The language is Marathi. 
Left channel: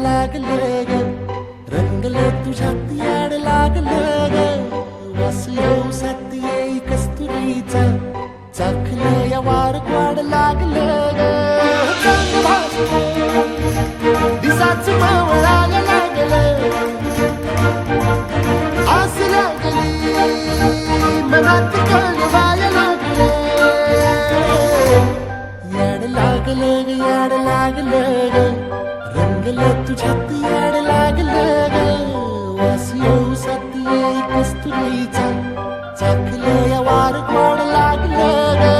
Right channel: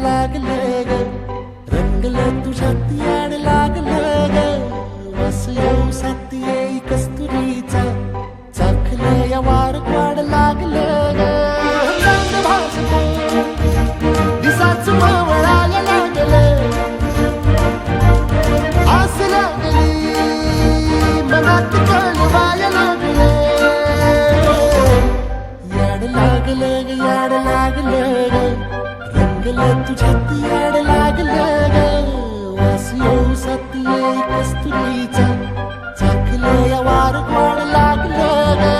लागलं ग रंगलं तुझ्यात याड लागलं ग वास येऊ साथ येई कस्तुरीचा चाखलं या वार वाढ लागलं ग चांद भासतो दिसाच मावळायला लागलं आस लागली मनात कळवायला लागलं याड लागलं ग याड लागलं ग रंगलं तुझ्यात याड लागलं ग वास येऊ साथ येई कस्तुरीचा चाखलं या वार गोड लागलं ग